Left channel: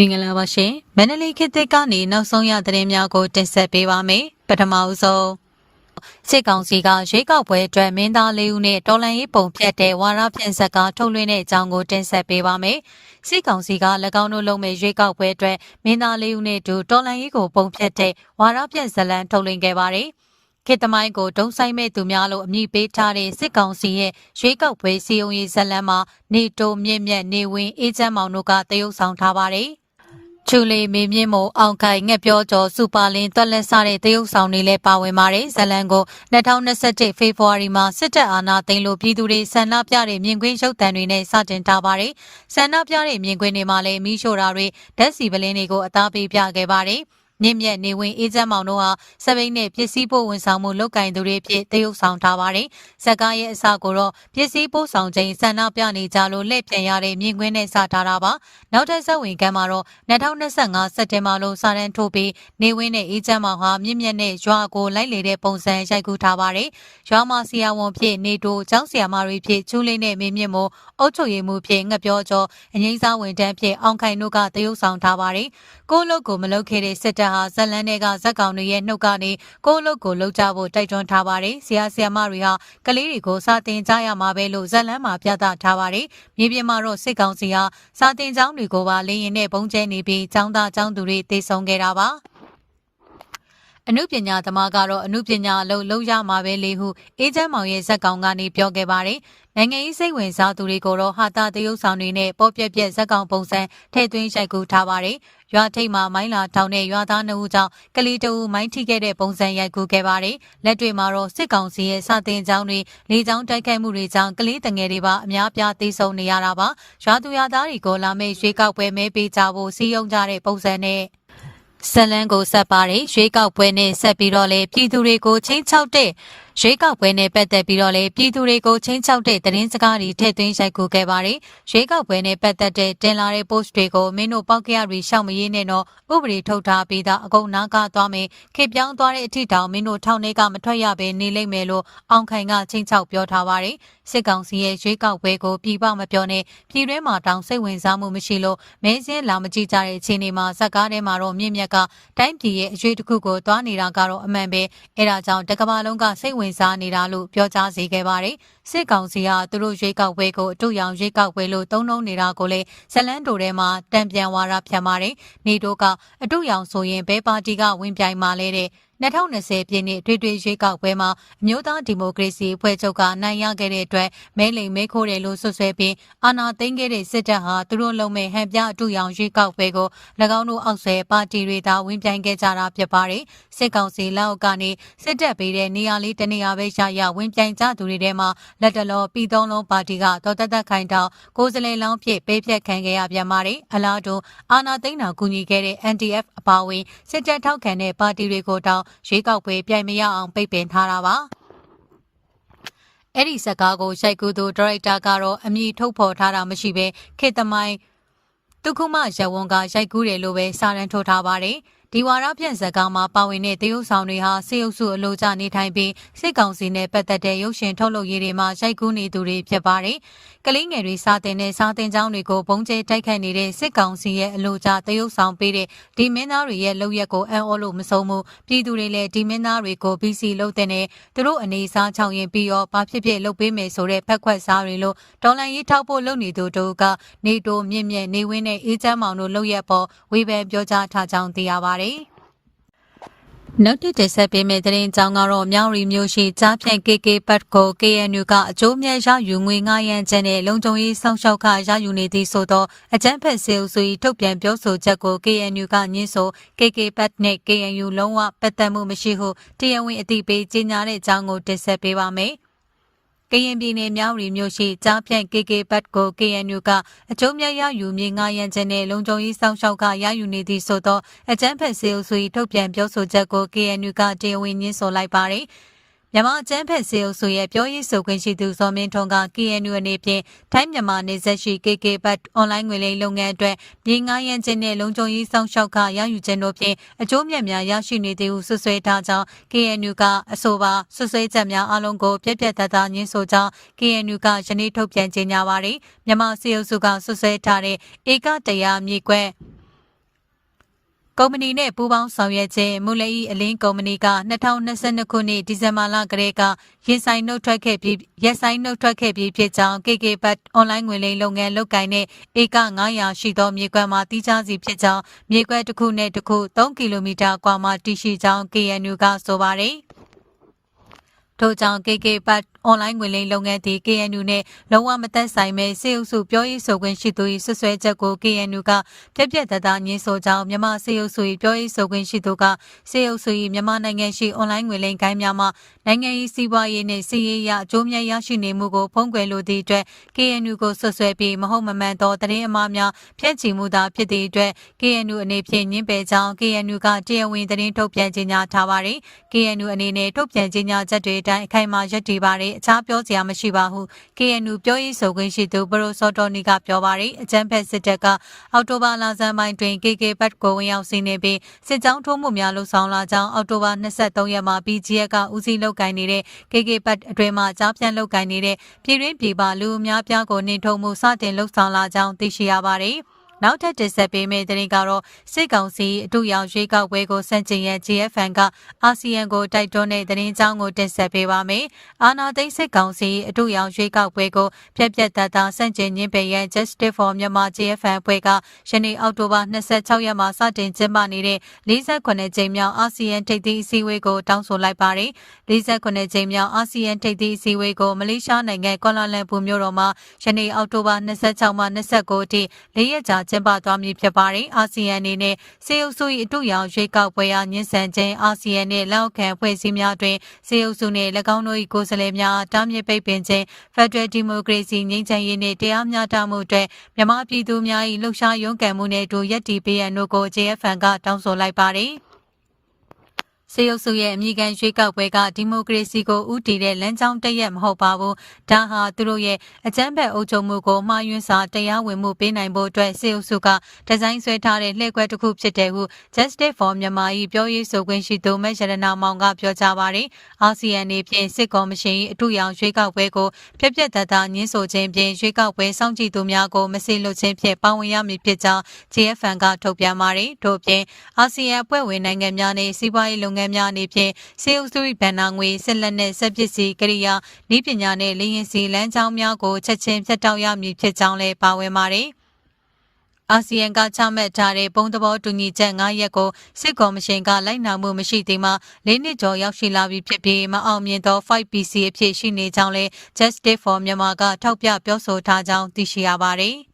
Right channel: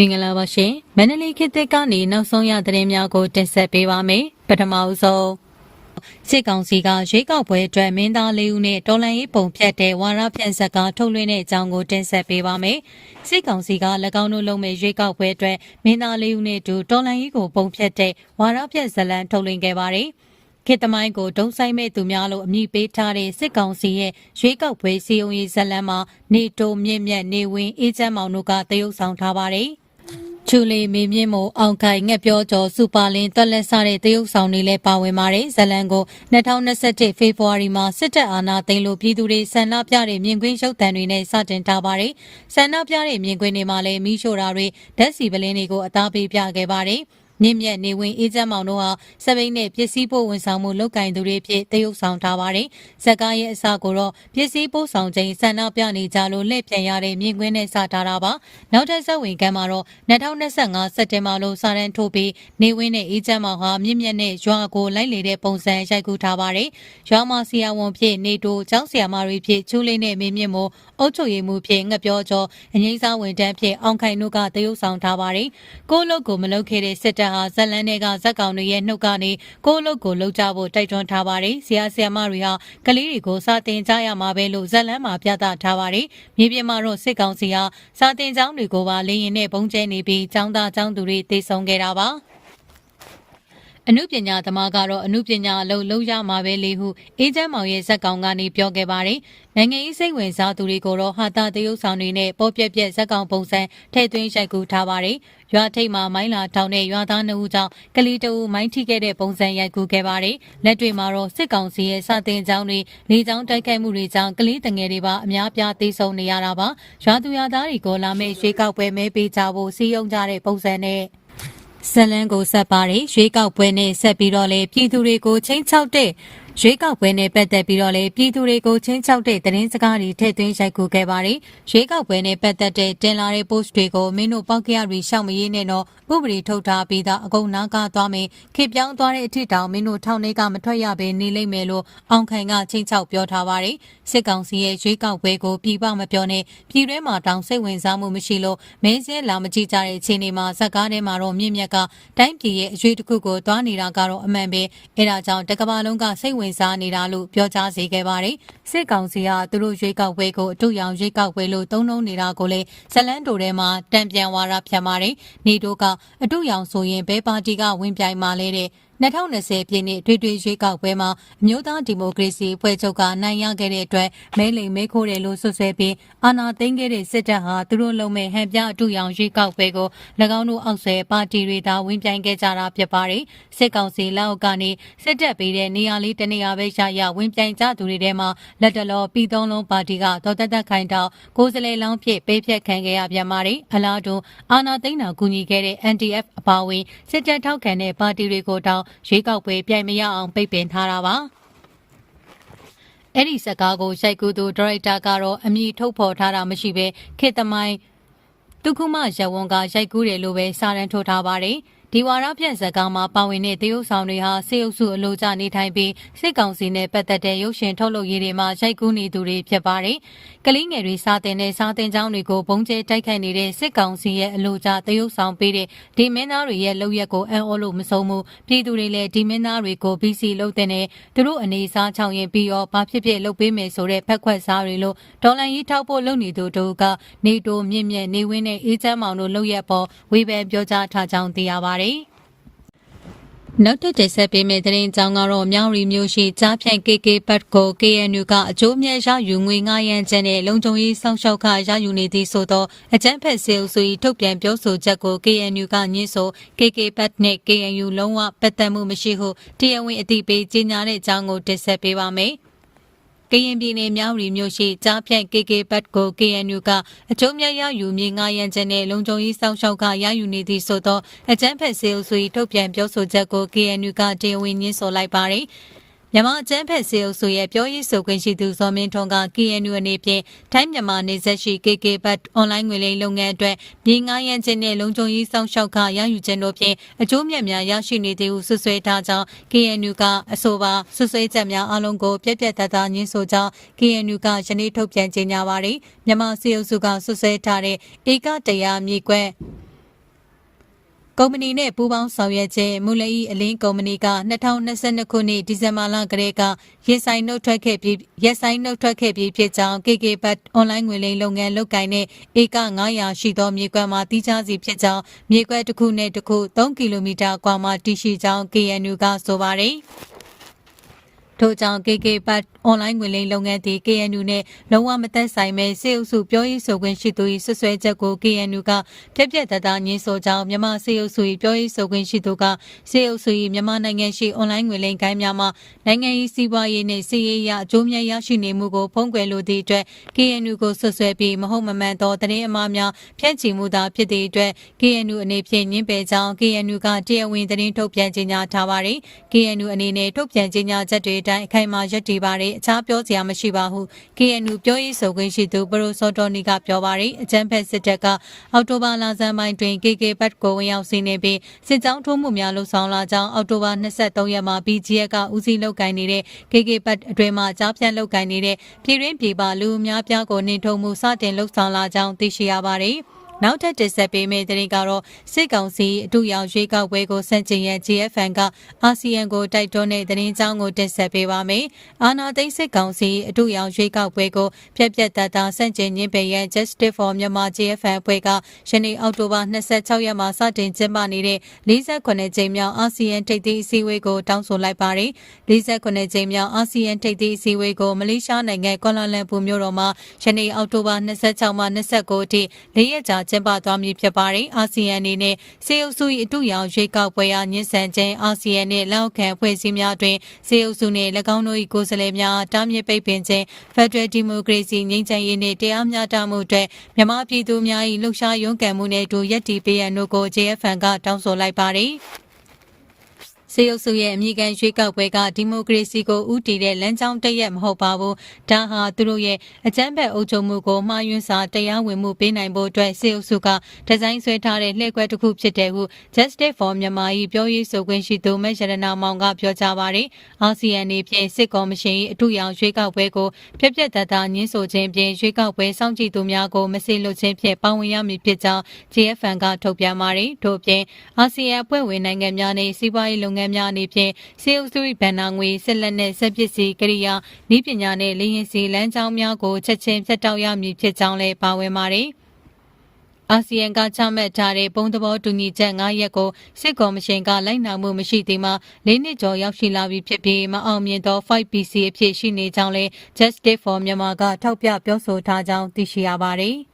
မင်္ဂလာပါရှင်မန္တလေးခေတ်သစ်ကနေနောက်ဆုံးရသတင်းများကိုတင်ဆက်ပေးပါမယ်ပထမအဆုံးစစ်ကောင်စီကရွေးကောက်ပွဲအတွက်မင်းသားလေးဦးနဲ့တော်လန်ရေးပုံဖြတ်တဲ့ဝါရဖြန့်ဆက်ကထုတ်လွှင့်တဲ့အကြောင်းကိုတင်ဆက်ပေးပါမယ်စစ်ကောင်စီက၎င်းတို့လုပ်မဲ့ရွေးကောက်ပွဲအတွက်မင်းသားလေးဦးနဲ့တူတော်လန်ရေးကိုပုံဖြတ်တဲ့ဝါရဖြန့်ဇလံထုတ်လွှင့်ခဲ့ပါတယ်ခေတ်သမိုင်းကိုဒုံဆိုင်မဲ့သူများလို့အမည်ပေးထားတဲ့စစ်ကောင်စီရဲ့ရွေးကောက်ပွဲစီယုံရေးဇလံမှာနေတိုမြင့်မြတ်နေဝင်အေးချမ်းမောင်တို့ကတရုပ်ဆောင်ထားပါတယ်။ ချူလီမေမြင့်မို့အောင်ခိုင်ငှက်ပြောကျော်စူပါလင်းတွက်လက်စားတဲ့တရုပ်ဆောင်တွေလည်းပါဝင်ပါတယ်။ဇလန်ကို2021ဖေဖော်ဝါရီမှာစစ်တပ်အာဏာသိမ်းလို့ပြည်သူတွေဆန္ဒပြတဲ့မြင်ကွင်းရုပ်သံတွေနဲ့စတင်ထားပါတယ်။ဆန္ဒပြတဲ့မြင်ကွင်းတွေမှာလည်းမီးရှို့တာတွေဓာတ်စီပလင်းတွေကိုအသားပေးပြခဲ့ပါတယ်။ မြင့်မြတ်နေဝင်အေးချမ်းမောင်တို့ဟာစပိန်နဲ့ပစ္စည်းပို့ဝန်ဆောင်မှုလုပ်ကင်သူတွေဖြစ်တရုပ်ဆောင်ထားပါတယ်။ဇက်ကားရဲ့အစကိုတော့ပစ္စည်းပို့ဆောင်ခြင်းဆန္ဒပြနေကြလို့လှည့်ပြန်ရတဲ့မြင်ကွင်းနဲ့စထားတာပါ။နောက်ထပ်ဇက်ဝင်ကမ်းမှာတော့2025စက်တင်ဘာလို့စာရန်ထိုးပြီးနေဝင်းနဲ့အေးချမ်းမောင်ဟာမြင့်မြတ်နဲ့ရွာကိုလိုက်လေတဲ့ပုံစံရိုက်ကူးထားပါတယ်။ရွာမှာဆီယာဝန်ဖြစ်နေတိုကျောင်းဆီယာမတွေဖြစ်ချူးလေးနဲ့မင်းမြင့်မို့အုတ်ချုပ်ရည်မှုဖြင့်ငှက်ပြောကျော်အငိမ့်စားဝင်တန်းဖြင့်အောင်ခိုင်တို့ကတရုပ်ဆောင်ထားပါတယ်။ကိုလုတ်ကိုမလုတ်ခဲ့တဲ့စစ်တပ်ဟာဇက်လန်းတွေကဇက်ကောင်တွေရဲ့နှုတ်ကနေကိုလုတ်ကိုလှုပ်ကြဖို့တိုက်တွန်းထားပါတယ်။ဆရာဆရာမတွေဟာကလေးတွေကိုစာတင်ကြရမှာပဲလို့ဇက်လန်းမှာပြသထားပါတယ်။မြေပြင်မှာတော့စစ်ကောင်စီဟာစာတင်ကျောင်းတွေကိုပါလေရင်နဲ့ပုံကျဲနေပြီးကျောင်းသားကျောင်းသူတွေတေဆုံးခဲ့တာပါ။အမှုပညာသမားကတော့အမှုပညာအလုပ်လုပ်ရမှာပဲလေဟုအေးချမ်းမောင်ရဲ့ဇက်ကောင်ကနေပြောခဲ့ပါတယ်။နိုင်ငံရေးစိတ်ဝင်စားသူတွေကိုတော့ဟာတာတရုပ်ဆောင်တွေနဲ့ပေါ်ပြက်ပြက်ဇက်ကောင်ပုံစံထည့်သွင်းရိုက်ကူးထားပါတယ်။ ရွာထိပ်မှာမိုင်းလာထောင်တဲ့ရွာသားနှုတ်ကြောင့်ကလေးတူမိုင်းထိခဲ့တဲ့ပုံစံရိုက်ကူးခဲ့ပါတယ်။လက်တွေမှာတော့စစ်ကောင်စီရဲ့စတင်ကြောင်းတွေလေကြောင်းတိုက်ခိုက်မှုတွေကြောင့်ကလေးတငယ်တွေပါအများပြားသေဆုံးနေရတာပါ။ရွာသူရွာသားတွေကိုလာမယ့်ရွေးကောက်ပွဲမဲပေးကြဖို့စီးရုံးကြတဲ့ပုံစံနဲ့ဇလန်ကိုဆက်ပါတယ်ရွေးကောက်ပွဲနဲ့ဆက်ပြီးတော့လေပြည်သူတွေကိုချင်းချောက်တဲ့ ရွေးကောက်ပွဲနဲ့ပတ်သက်ပြီးတော့လေပြည်သူတွေကိုချင်းချောက်တဲ့သတင်းစကားတွေထည့်သွင်းရိုက်ကူခဲ့ပါတယ်ရွေးကောက်ပွဲနဲ့ပတ်သက်တဲ့တင်လာတဲ့ post တွေကိုမင်းတို့ပောက်ကရတွေရှောက်မရင်းနဲ့တော့ဥပဒေထုတ်ထားပြီးသားအကုန်နားကားသွားမယ်ခေပြောင်းသွားတဲ့အထစ်တောင်မင်းတို့ထောင်ထဲကမထွက်ရဘဲနေလိမ့်မယ်လို့အောင်ခိုင်ကချင်းချောက်ပြောထားပါတယ်စစ်ကောင်စီရဲ့ရွေးကောက်ပွဲကိုပြည်ပမပြောနဲ့ပြည်တွင်းမှာတောင်စိတ်ဝင်စားမှုမရှိလို့မဲစဲလာမကြည့်ကြတဲ့အခြေအနေမှာဇက်ကားထဲမှာတော့မြင့်မြတ်ကတိုင်းပြည်ရဲ့အရွေးတစ်ခုကိုသွားနေတာကတော့အမှန်ပဲအဲဒါကြောင့်တကဘာလုံးကစိတ်ဝင်စားနေတာလို့ပြောကြားစေခဲ့ပါတယ်စစ်ကောင်စီကသူတို့ရွေးကောက်ပွဲကိုအတူရောင်ရွေးကောက်ပွဲလို့သုံးနှုံးနေတာကိုလည်းဇလန်းတိုထဲမှာတံပြန်ဝါရဖြတ်ပါတယ်နေတို့ကအတူရောင်ဆိုရင်ဘဲပါတီကဝင်ပြိုင်มาလဲတဲ့ 2020ပြည့်နှစ်တွေ့တွေ့ရွေးကောက်ပွဲမှာအမျိုးသားဒီမိုကရေစီအဖွဲ့ချုပ်ကနိုင်ရခဲ့တဲ့အတွက်မဲလိမ်မဲခိုးတယ်လို့ဆွဆွဲပြီးအာဏာသိမ်းခဲ့တဲ့စစ်တပ်ဟာသူတို့လုံမဲ့ဟန်ပြအတူရောင်ရွေးကောက်ပွဲကို၎င်းတို့အောက်ဆဲပါတီတွေသာဝင်ပြိုင်ခဲ့ကြတာဖြစ်ပါတယ်စစ်ကောင်စီလက်အောက်ကနေစစ်တပ်ပေးတဲ့နေရာလေးတနေရာပဲရရဝင်ပြိုင်ကြသူတွေထဲမှာလက်တလောပြည်သုံးလုံးပါတီကဒေါ်သက်သက်ခိုင်တောက်ကိုယ်စလဲလောင်းဖြစ်ပေးဖြတ်ခံခဲ့ရပြန်ပါတယ်အလားတူအာဏာသိမ်းတာကူညီခဲ့တဲ့ NDF အပါအဝင်စစ်တပ်ထောက်ခံတဲ့ပါတီတွေကိုတောင်းရွေးကောက်ပွဲပြိုင်မရအောင်ပိတ်ပင်ထားတာပါအဲ့ဒီစကားကိုရိုက်ကူးသူဒါရိုက်တာကတော့အမည်ထုတ်ဖော်ထားတာမရှိဘဲခေတ္တမိုင်းဒုက္ခမရဝွန်ကရိုက်ကူးတယ်လို့ပဲစာရန်ထုတ်ထားပါတယ်ဒီဝါရဖြန့်ဇက်ကောင်မှာပါဝင်တဲ့တရုတ်ဆောင်တွေဟာစေအုပ်စုအလို့ကြနေထိုင်ပြီးစစ်ကောင်စီနဲ့ပတ်သက်တဲ့ရုပ်ရှင်ထုတ်လုပ်ရေးတွေမှာရိုက်ကူးနေသူတွေဖြစ်ပါတယ်။ ကလေးငယ်တွေစားတင်တဲ့စားတင်ကြောင်းတွေကိုဘုံကျဲတိုက်ခိုက်နေတဲ့စစ်ကောင်စီရဲ့အလို့ကြတရုပ်ဆောင်ပေးတဲ့ဒီမင်းသားတွေရဲ့လုပ်ရက်ကိုအံ့ဩလို့မဆုံးဘူးပြည်သူတွေလည်းဒီမင်းသားတွေကို BC လုပ်တဲ့နဲ့သူတို့အနေစားချောင်းရင်ပြီးတော့ဘာဖြစ်ဖြစ်လုပ်ပေးမယ်ဆိုတဲ့ဖက်ခွက်စားတွေလို့ဒေါ်လာရေးထောက်ဖို့လုပ်နေသူတို့ကနေတိုမြင့်မြင့်နေဝင်းနဲ့အေးချမ်းမောင်တို့လုပ်ရက်ပေါ်ဝေဖန်ပြောကြားထားကြောင်းသိရပါတယ်။ နောက်တစ်တင်ဆက်ပေးမယ့်သတင်းကြောင်းကတော့မြောင်ရီမျိုးရှိကြားဖြန့် KK ဘတ်ကို KNU ကအကျိုးမြတ်ရယူငွေ9ရန်ကျန်တဲ့လုံခြုံရေးစောင့်ရှောက်ခရယူနေသည်ဆိုတော့အကြမ်းဖက်စေအုပ်စု၏ထုတ်ပြန်ပြောဆိုချက်ကို KNU ကညှင်းဆို KK ဘတ်နဲ့ KNU လုံးဝပတ်သက်မှုမရှိဟုတရားဝင်အသိပေးကြေညာတဲ့အကြောင်းကိုတင်ဆက်ပေးပါမယ်။ ကရင်ပြည်နယ်မြောက်ရီမြို့ရှိကြားဖြန့် KK ဘတ်ကို KNU ကအကျုံးမြရယူမြေငါရန်ချက်နဲ့လုံခြုံရေးစောင့်ရှောက်ကရယူနေသည့်ဆိုသောအကြမ်းဖက်စေအုပ်စု၏ထုတ်ပြန်ပြောဆိုချက်ကို KNU ကတရားဝင်ညှင်းဆိုလိုက်ပါသည်။ မြန်မာအကျန်းဖက်စေအုပ်စုရဲ့ပြောရေးဆိုခွင့်ရှိသူဇော်မင်းထွန်းက KNU အနေဖြင့်ထိုင်းမြန်မာနေဆက်ရှိ KK ဘတ်အွန်လိုင်းငွေလိမ်လုပ်ငန်းအတွက်မြေငှားရမ်းခြင်းနဲ့လုံခြုံရေးစောင့်ရှောက်ခရယူခြင်းတို့ဖြင့်အကျိုးမြတ်များရရှိနေသည်ဟုဆွဆွဲထားကြောင်း KNU ကအဆိုပါဆွဆွဲချက်များအလုံးကိုပြက်ပြက်သားသားညှင်းဆိုကြောင်း KNU ကယနေ့ထုတ်ပြန်ကြေညာပါသည်မြန်မာစေအုပ်စုကဆွဆွဲထားတဲ့ဧကတရားမြေကွ က်ကုမ္ပဏီနဲ့ပူးပေါင်းဆောင်ရွက်ခြင်းမူလဤအလင်းကုမ္ပဏီက2022ခုနှစ်ဒီဇင်ဘာလကတည်းကရင်ဆိုင်နှုတ်ထွက်ခဲ့ပြီးရက်ဆိုင်နှုတ်ထွက်ခဲ့ပြီးဖြစ်ကြောင်း KK ဘတ်အွန်လိုင်းငွေလိမ်လုပ်ငန်းလုပ်ကိုင်တဲ့ဧက900ရှိသောမြေကွက်မှာတိကျစီဖြစ်ကြောင်းမြေကွက်တစ်ခုနဲ့တစ်ခု3ကီလိုမီတာကွာမှာတည်ရှိကြောင်း KNU ကဆိုပါတယ်။ ထို့ကြောင့် KK ဘတ်အွန်လိုင်းငွေလိမ်လုပ်ငန်းသည် KNU နဲ့လုံးဝမသက်ဆိုင်ပဲစေအုပ်စုပြောရေးဆိုခွင့်ရှိသူ၏ဆွဆွဲချက်ကို KNU ကပြက်ပြက်တသားညှင်းဆိုကြောင်းမြန်မာစေအုပ်စု၏ပြောရေးဆိုခွင့်ရှိသူကစေအုပ်စု၏မြန်မာနိုင်ငံရှိအွန်လိုင်းငွေလိမ်ကိုင်းများမှာနိုင်ငံရေးစီးပွားရေးနှင့်စီးရေးရအကျိုးမြတ်ရရှိနေမှုကိုဖုံးကွယ်လိုသည့်အတွက် KNU ကိုဆွဆွဲပြီးမဟုတ်မမှန်သောသတင်းအမှားများဖြန့်ချီမှုသာဖြစ်သည့်အတွက် KNU အနေဖြင့်ညှင်းပယ်ကြောင်း KNU ကတရားဝင်သတင်းထုတ်ပြန်ကြေညာထားပါသည် KNU အနေနဲ့ထုတ်ပြန်ကြေညာချက်တွေအတိုင်းအခိုင်အမာရပ်တည်ပါတယ်အခြားပြောစရာမရှိပါဟု KNU ပြောရေးဆိုခွင့်ရှိသူပရိုစောတော်နီကပြောပါတယ်အကြမ်းဖက်စစ်တပ်ကအော်တိုဘာလဆန်းပိုင်းတွင် KK ဘတ်ကိုဝင်ရောက်စီးနေပြီးစစ်ကြောင်းထိုးမှုများလှုပ်ဆောင်လာကြောင်းအော်တိုဘာ23ရက်မှာ BGF ကဦးစီးလုပ်ကိုင်နေတဲ့ KK ဘတ်အတွင်မှကြားပြန်လုပ်ကိုင်နေတဲ့ပြည်တွင်းပြည်ပလူအများပြားကိုနှင်ထုတ်မှုစတင်လှုပ်ဆောင်လာကြောင်းသိရှိရပါတယ်။ နောက်ထပ်တင်ဆက်ပေးမယ့်သတင်းကတော့စစ်ကောင်စီအတူရောင်ရွေးကောက်ပွဲကိုစန့်ကျင်ရန် GFN ကအာဆီယံကိုတိုက်တွန်းတဲ့သတင်းကြောင်းကိုတင်ဆက်ပေးပါမယ်။အာနာသိန်းစစ်ကောင်စီအတူရောင်ရွေးကောက်ပွဲကိုပြက်ပြက်သားသားစန့်ကျင်ညှင်းပယ်ရန် Justice for Myanmar GFN အဖွဲ့ကယနေ့အောက်တိုဘာ26ရက်မှာစတင်ကျင်းပနေတဲ့48ကြိမ်မြောက်အာဆီယံထိပ်သီးအစည်းအဝေးကိုတောင်းဆိုလိုက်ပါတယ်။48ကြိမ်မြောက်အာဆီယံထိပ်သီးအစည်းအဝေးကိုမလေးရှားနိုင်ငံကွာလာလမ်ပူမြို့တော်မှာယနေ့အောက်တိုဘာ26မှ29အထိ၄ရက်ကြာကျင်းပသွားမည်ဖြစ်ပါတယ်။အာဆီယံအနေနဲ့စေအုပ်စု၏အတူရောင်ရွေးကောက်ပွဲအားညှဉ်းဆန်ခြင်းအာဆီယံနှင့်လက်အောက်ခံဖွဲ့စည်းများတွင်စေအုပ်စုနှင့်၎င်းတို့၏ကိုယ်စားလှယ်များတားမြစ်ပိတ်ပင်ခြင်း Federal Democracy ငြိမ်းချမ်းရေးနှင့်တရားမျှတမှုအတွက်မြန်မာပြည်သူများ၏လှုပ်ရှားရုန်းကန်မှုနှင့်အတူရပ်တည်ပေးရန်တို့ကို JFN ကတောင်းဆိုလိုက်ပါတယ်။ စေအုပ်စုရဲ့အမိခံရွေးကောက်ပွဲကဒီမိုကရေစီကိုဥတည်တဲ့လမ်းကြောင်းတရက်မဟုတ်ပါဘူး။ဒါဟာသူတို့ရဲ့အကြမ်းဖက်အုပ်ချုပ်မှုကိုမှားယွင်းစွာတရားဝင်မှုပေးနိုင်ဖို့အတွက်စေအုပ်စုကဒီဇိုင်းဆွဲထားတဲ့လှည့်ကွက်တစ်ခုဖြစ်တယ်ဟု Justice for Myanmar ၏ပြောရေးဆိုခွင့်ရှိသူမရတနာမောင်ကပြောကြားပါတယ်။အာဆီယံနေဖြင့်စစ်ကော်မရှင်၏အထူးရောင်ရွေးကောက်ပွဲကိုပြက်ပြက်သားသားညှင်းဆိုခြင်းဖြင့်ရွေးကောက်ပွဲစောင့်ကြည့်သူများကိုမစိလွတ်ခြင်းဖြင့်ပါဝင်ရမည်ဖြစ်ကြောင်း GFN ကထုတ်ပြန်ပါတယ်။ထို့ပြင်အာဆီယံအဖွဲ့ဝင်နိုင်ငံများနှင့်စီးပွားရေးလုပ်ငန်းများအနေဖြင့်စေအုပ်စု၏ဗန်နာငွေဆက်လက်နဲ့ဆက်ပစ္စည်းကိရိယာဤပညာနှင့်လေရင်စီလမ်းကြောင်းများကိုချက်ချင်းဖြတ်တောက်ရမည်ဖြစ်ကြောင်းလည်းပါဝင်ပါတယ်အာဆီယံကချမှတ်ထားတဲ့ပုံသဘောတူညီချက်9ရက်ကိုစစ်ကော်မရှင်ကလိုက်နာမှုမရှိသေးမှ၄နှစ်ကျော်ရောက်ရှိလာပြီဖြစ်ပြီးမအောင်မြင်သော 5PC အဖြစ်ရှိနေကြောင်းလဲ Justice for Myanmar ကထောက်ပြပြောဆိုထားကြောင်းသိရှိရပါတယ်။